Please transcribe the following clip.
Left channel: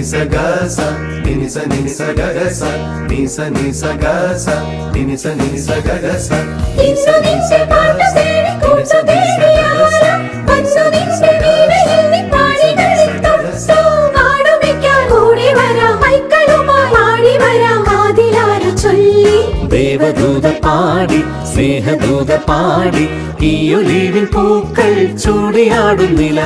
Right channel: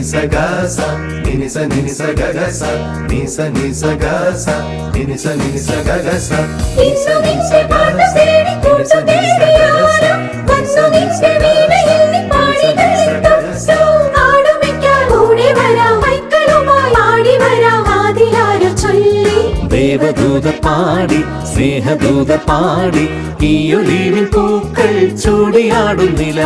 నిస గస నినిస నినిస గగస నిస నినిస గస నినిస నినిస గగస నిస నినిస గస ദേവദൂത പാടി സ്നേഹദൂത പാടി ഈ ഒലിവിൻ പൂക്കൾ ചൂടിയാടുന്നില്ല